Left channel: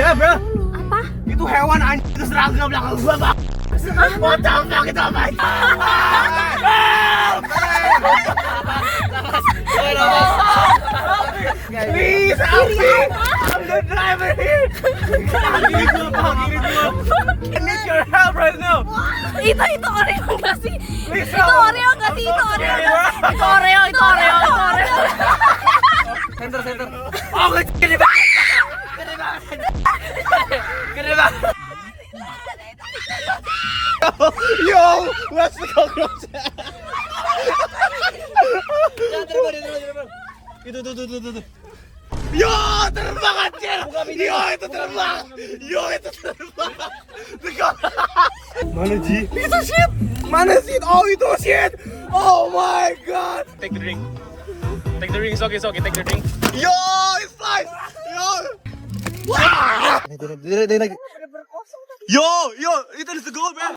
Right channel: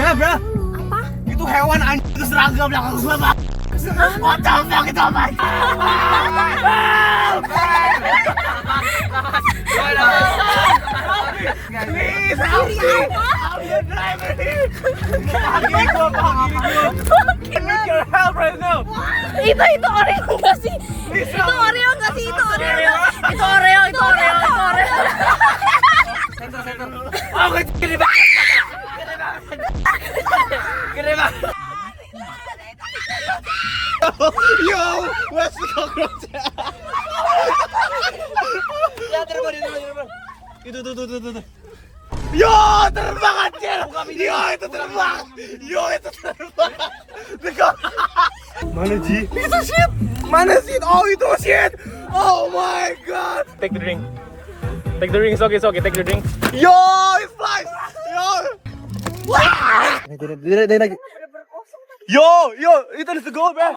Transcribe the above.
Ya, bro. Apa? Itu hewan anjing itu seragam belakang gua, Bang. What the fuck itu apa? Please help me. I'm the driver here. Ini gua, Bang. I need your help right now. Itu Oreo nggak sih? Please Itu help. Oreo nggak sih? Itu Oreo nggak sih? Itu Oreo, itu Oreo, itu Oreo. Center. Oh, gede banget. Gede banget. Yo, what's the cockroach? Ya, terbang. Itu. Yo, terbang anjir. Yo, itu terbang. Mana Ji? Itu shit. Mana shit? Oh, itu shit. Oh my god. Take the drink. Take the ring, it's okay. Take the drink. Yo, it flies. Yo. Wah. Yo, itu is the goal, bro.